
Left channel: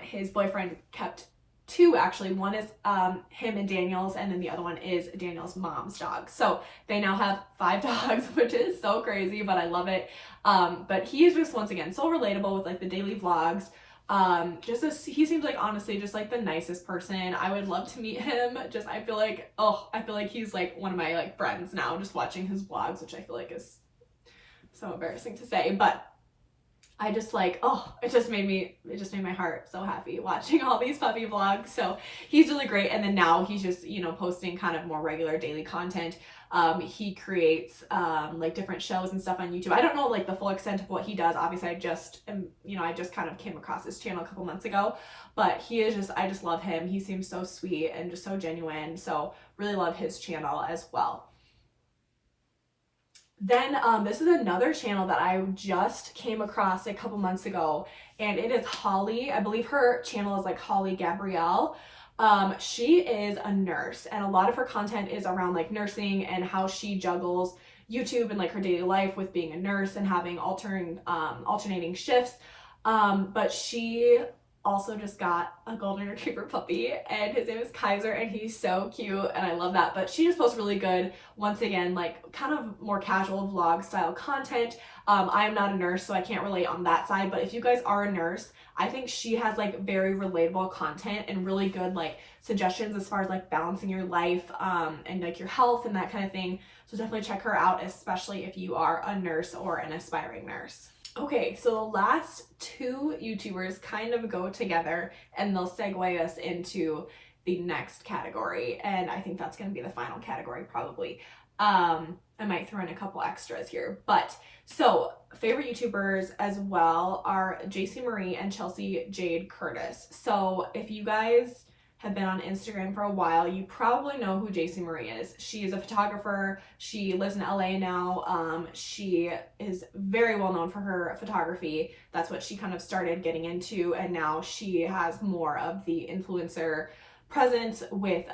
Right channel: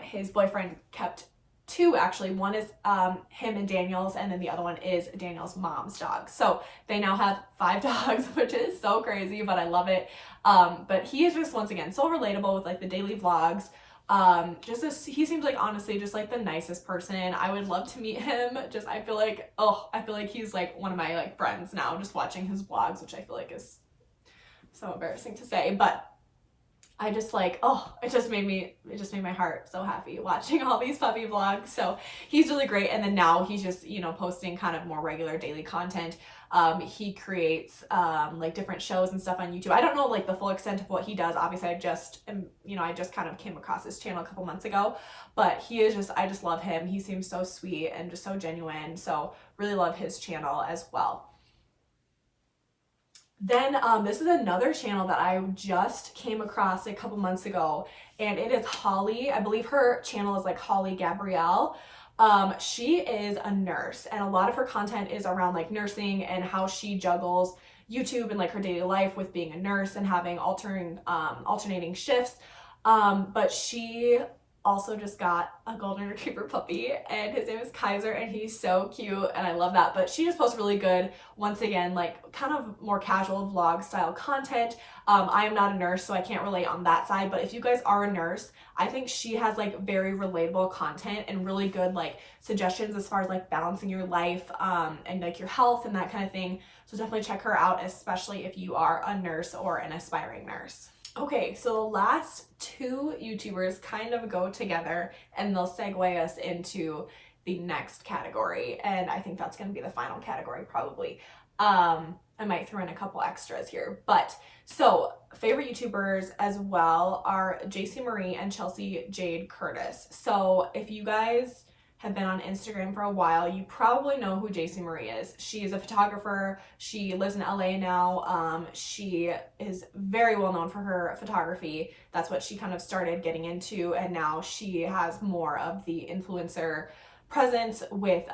his boyfriend kept two actually. One is him and Daniel's, and then the other one is Daniel's mom's dog. So they now have 5 dogs, which is so crazy, but I love it. But he is just, once again, so relatable with like the daily vlogs. He seems like honestly just like the nicest person. I would love to meet him. I feel like he's like one of my like friends now, just watching his vlogs, which I feel like is so embarrassing to say, but I just like, it just made my heart so happy watching all these puppy vlogs. So he's really great. And then now he's just, you know, posting kind of more regular daily content. He creates like different shows and stuff on YouTube. I don't know like the full extent of what he does. Obviously I just kind of came across his channel a couple months ago, but I just love him. He seems so sweet and just so genuine. So really love his channel as well. Then this is another channel that I just came across a couple months ago, and it is Holly. I believe her channel is like Holly Gabrielle. She is a nurse, and a lot of her content is around like nursing and how she juggles YouTube and like her daily life with being a nurse and having alternating shifts. But she also just got a golden retriever puppy, and his name is Kaiser, and he's so cute and I love that. But she just posts really good, once again, like kind of more casual vlog style content. I am not a nurse, so I can't relate on that side, but if you guys are a nurse, I think she has like very relatable content and really good like suggestions as far as like balancing your life and like your health and that kind of thing. So definitely check her out, especially if you are a nurse or an aspiring nurse. Okay, so the last 2 YouTubers kind of go together, and they'll segue us into the next category, and I think that's going to be the final category probably. I might throw in a couple extras here, but so favorite YouTubers as well are JC Marie and Chelsea Jade Curtis. So if you guys have been on Instagram for a while, you probably know who JC Marie is. She is a photographer. She lives in LA now. She is very well known for her photography. That's what she kind of started getting into, and now she has more of the influencer presence with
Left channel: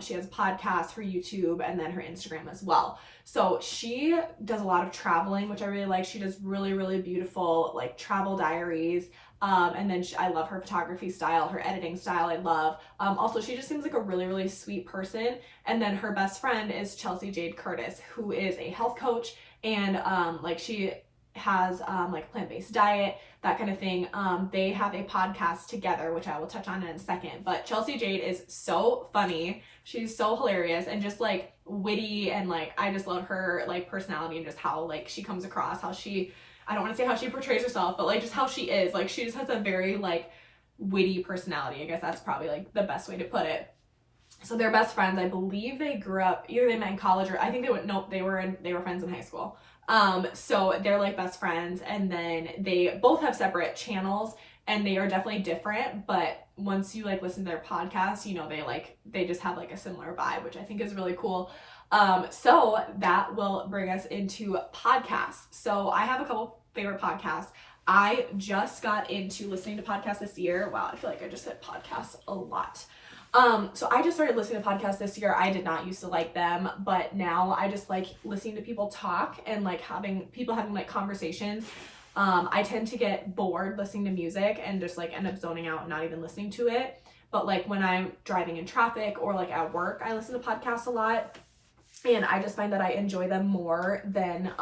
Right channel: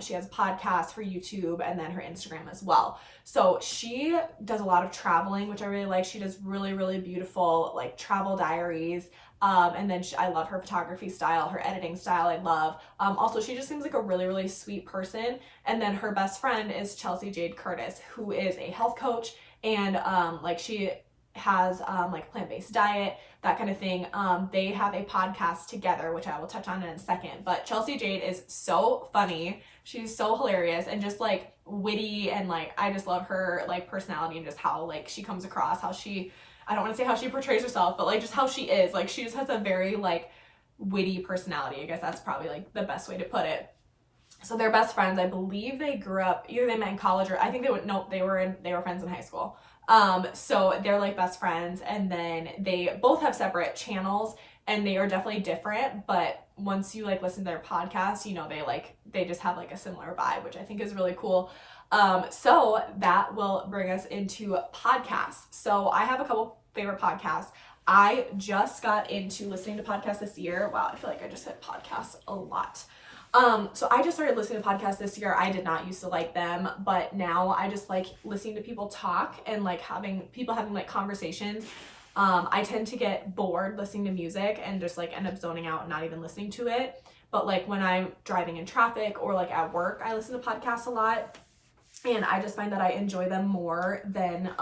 she has a podcast for YouTube and then her Instagram as well. So she does a lot of traveling, which I really like. She does really, really beautiful like travel diaries. And then I love her photography style, her editing style I love. Also, she just seems like a really, really sweet person. And then her best friend is Chelsea Jade Curtis, who is a health coach, and like she has like plant-based diet, that kind of thing. They have a podcast together, which I will touch on in a second. But Chelsea Jade is so funny. She's so hilarious and just like witty, and like I just love her like personality and just how like she comes across, how she, I don't want to say how she portrays herself, but like just how she is. Like she just has a very like witty personality. I guess that's probably like the best way to put it. So they're best friends. I believe they grew up, either they met in college or I think they were friends in high school. So they're like best friends, and then they both have separate channels and they are definitely different, but once you like listen to their podcast, you know, they just have like a similar vibe, which I think is really cool. So that will bring us into podcasts. So I have a couple favorite podcasts. I just got into listening to podcasts this year. Wow, I feel like I just said podcasts a lot. So I just started listening to podcasts this year. I did not used to like them, but now I just like listening to people talk and like having like conversations. I tend to get bored listening to music and just like end up zoning out and not even listening to it. But like when I'm driving in traffic or like at work, I listen to podcasts a lot, and I just find that I enjoy them more than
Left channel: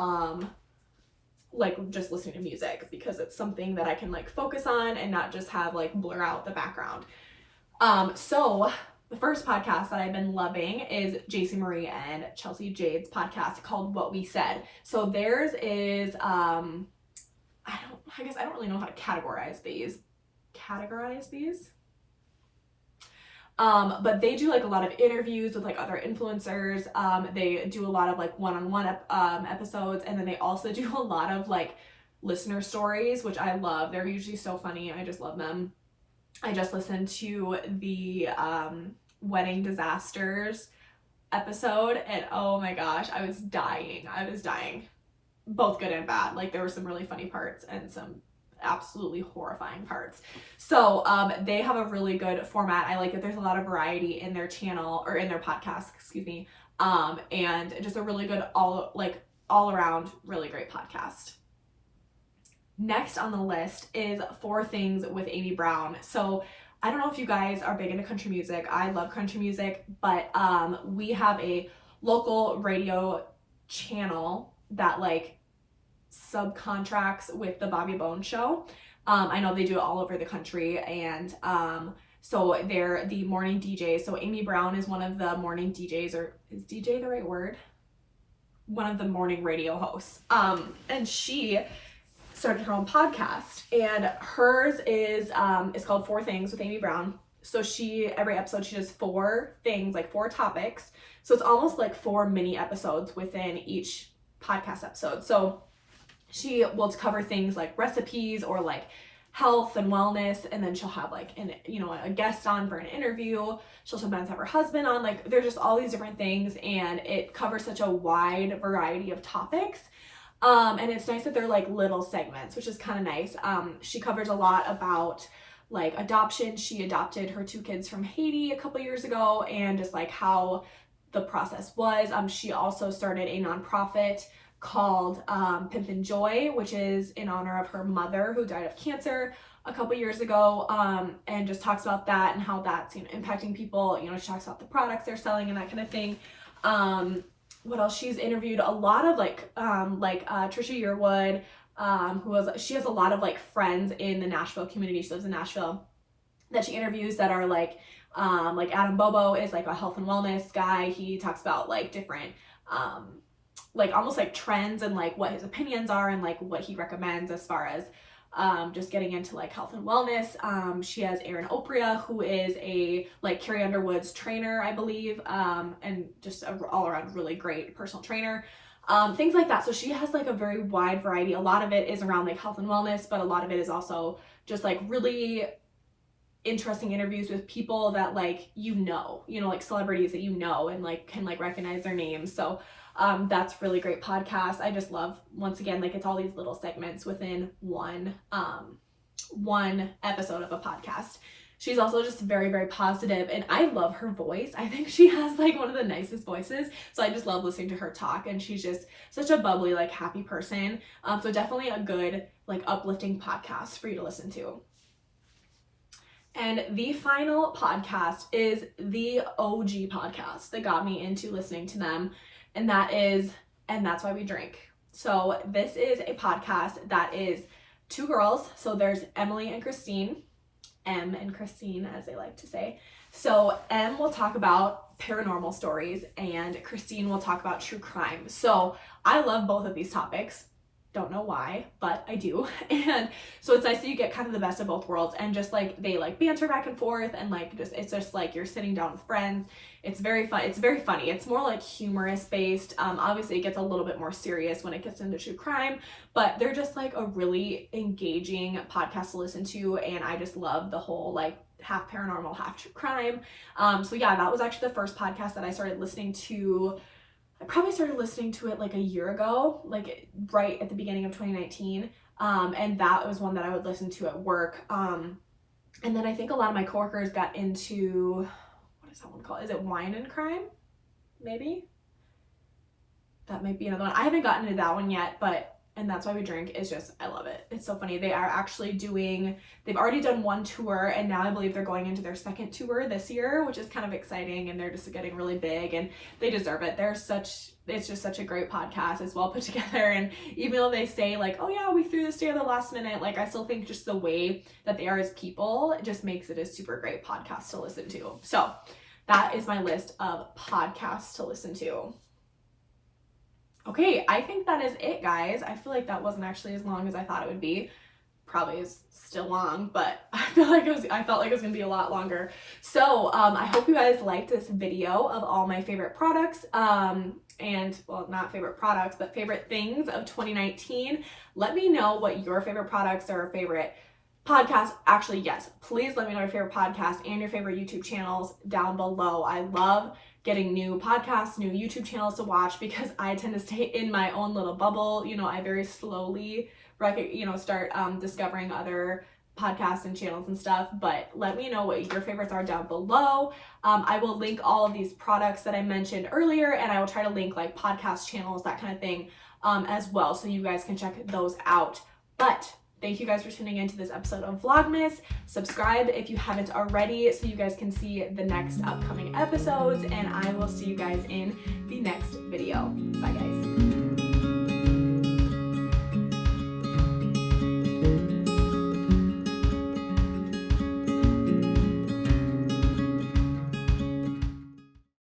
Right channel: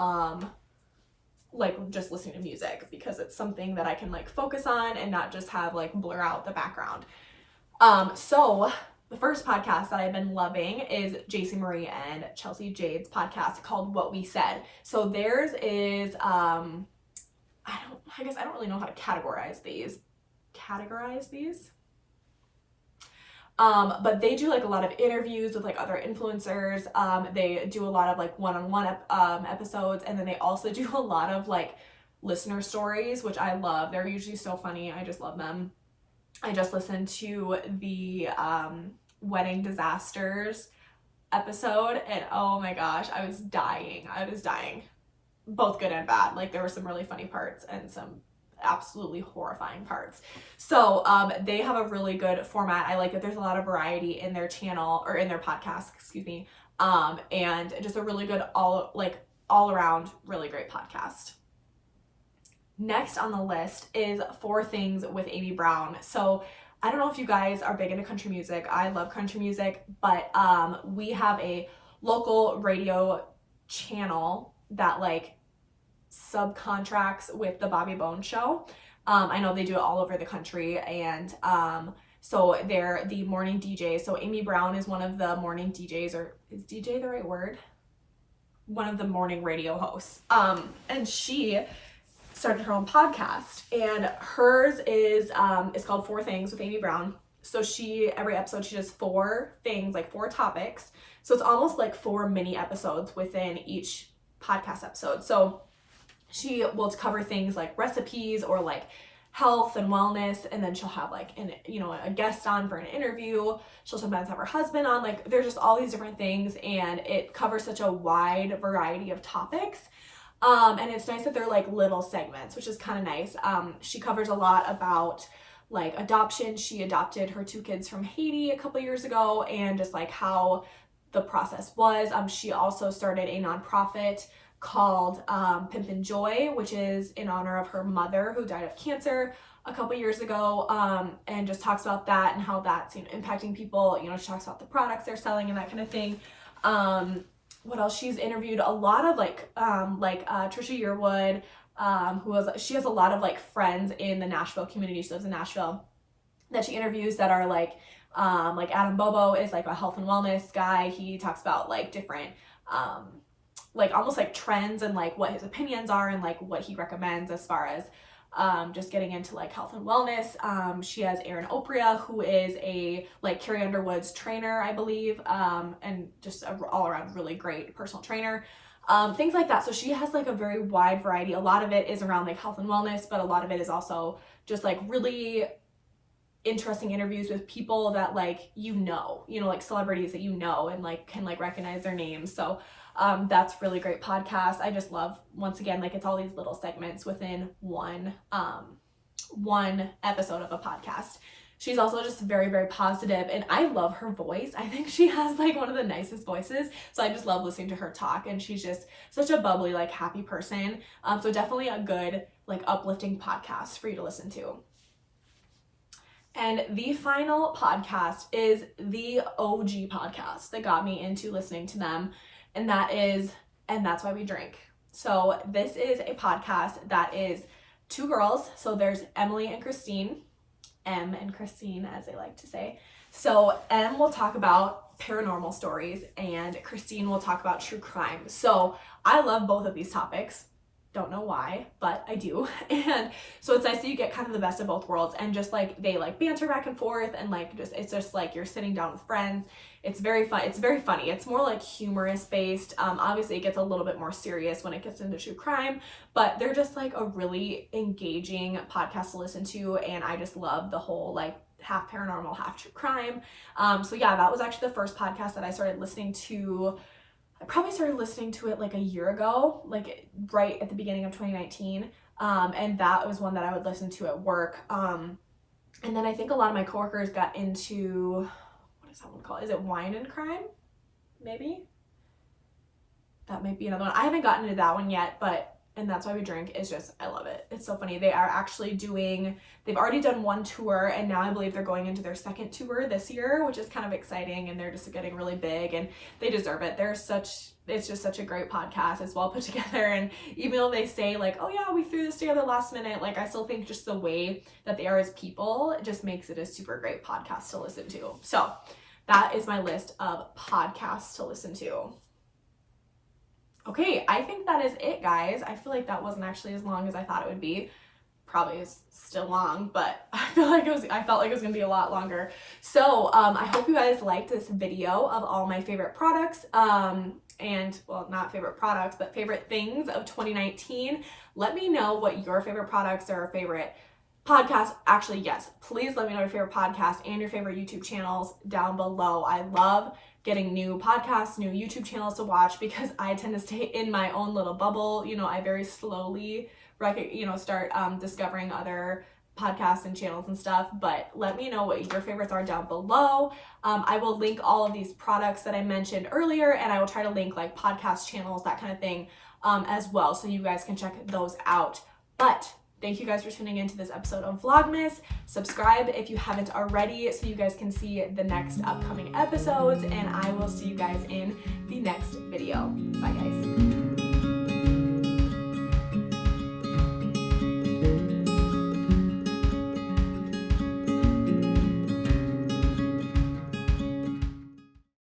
like just listening to music, because it's something that I can like focus on and not just have like blur out the background. So the first podcast that I've been loving is JC Marie and Chelsea Jade's podcast called What We Said. So theirs is, I guess I don't really know how to categorize these. But they do like a lot of interviews with like other influencers. They do a lot of like one-on-one episodes, and then they also do a lot of like listener stories, which I love. They're usually so funny. I just love them. I just listened to the wedding disasters episode, and oh my gosh, I was dying. Both good and bad. Like there were some really funny parts and some absolutely horrifying parts. So they have a really good format. I like that there's a lot of variety in their channel, or in their podcast, excuse me. And just a really good all around really great podcast. Next on the list is 4 Things with Amy Brown. So I don't know if you guys are big into country music. I love country music, but we have a local radio channel that like subcontracts with the Bobby Bones Show. I know they do it all over the country, and so they're the morning DJs. So Amy Brown is one of the morning DJs, or is DJ the right word? One of the morning radio hosts. And she started her own podcast, and hers is called 4 Things with Amy Brown. So every episode she does 4 things, like 4 topics. So it's almost like 4 mini episodes within each podcast episode. So she will cover things like recipes or like health and wellness, and then she'll have like a guest on for an interview. She'll sometimes have her husband on. Like there's just all these different things, and it covers such a wide variety of topics. And it's nice that they're like little segments, which is kind of nice. She covers a lot about like adoption. She adopted her 2 kids from Haiti a couple years ago, and just like how the process was. She also started a nonprofit called Pimpin' Joy, which is in honor of her mother who died of cancer a couple years ago, and just talks about that and how that's impacting people. She talks about the products they're selling and that kind of thing. What else? She's interviewed a lot of Trisha Yearwood, she has a lot of like friends in the Nashville community. She lives in Nashville, that she interviews that are like Adam Bobo is like a health and wellness guy. He talks about like different like almost like trends and like what his opinions are and like what he recommends as far as just getting into like health and wellness. She has Erin Opria, who is a like Carrie Underwood's trainer, I believe, and just an all around really great personal trainer. Things like that. So she has like a very wide variety. A lot of it is around like health and wellness, but a lot of it is also just like really interesting interviews with people that like like celebrities that and like can like recognize their names. So that's really great podcast. I just love, once again, like it's all these little segments within one episode of a podcast. She's also just very, very positive, and I love her voice. I think she has like one of the nicest voices. So I just love listening to her talk, and she's just such a bubbly, like happy person. So definitely a good, like uplifting podcast for you to listen to. And the final podcast is the OG podcast that got me into listening to them. And that is, And That's Why We Drink. So this is a podcast that is two girls. So there's Emily and Christine, Em and Christine, as they like to say. So Em will talk about paranormal stories and Christine will talk about true crime. So I love both of these topics. Don't know why, but I do. And so it's nice that you get kind of the best of both worlds, and just like they like banter back and forth, and like it's just like you're sitting down with friends. It's very fun. It's very funny. It's more like humorous based. Obviously it gets a little bit more serious when it gets into true crime, but they're just like a really engaging podcast to listen to, and I just love the whole like half paranormal, half true crime. So yeah, that was actually the first podcast that I started listening to. I probably started listening to it like a year ago, like right at the beginning of 2019. And that was one that I would listen to at work. And then I think a lot of my coworkers got into, what is that one called? Is it Wine and Crime? Maybe? That might be another one. I haven't gotten into that one yet, and That's Why We Drink is just, I love it. It's so funny. They are actually they've already done one tour, and now I believe they're going into their second tour this year, which is kind of exciting, and they're just getting really big, and they deserve it. It's just such a great podcast. It's well put together, and even though they say like, oh yeah, we threw this together last minute, like I still think just the way that they are as people just makes it a super great podcast to listen to. So that is my list of podcasts to listen to. Okay, I think that is it, guys. I feel like that wasn't actually as long as I thought it would be. Probably is still long, but I felt like it was gonna be a lot longer. So I hope you guys liked this video of all my favorite products, and well, not favorite products, but favorite things of 2019. Let me know what your favorite products or favorite podcasts. Actually, yes, please let me know your favorite podcasts and your favorite YouTube channels down below. I love getting new podcasts, new YouTube channels to watch, because I tend to stay in my own little bubble. You know, I very slowly start discovering other podcasts and channels and stuff. But let me know what your favorites are down below. I will link all of these products that I mentioned earlier, and I will try to link like podcast channels, that kind of thing, as well, so you guys can check those out. But thank you guys for tuning into this episode of Vlogmas. Subscribe if you haven't already, so you guys can see the next upcoming episodes, and I will see you guys in the next video. Bye, guys.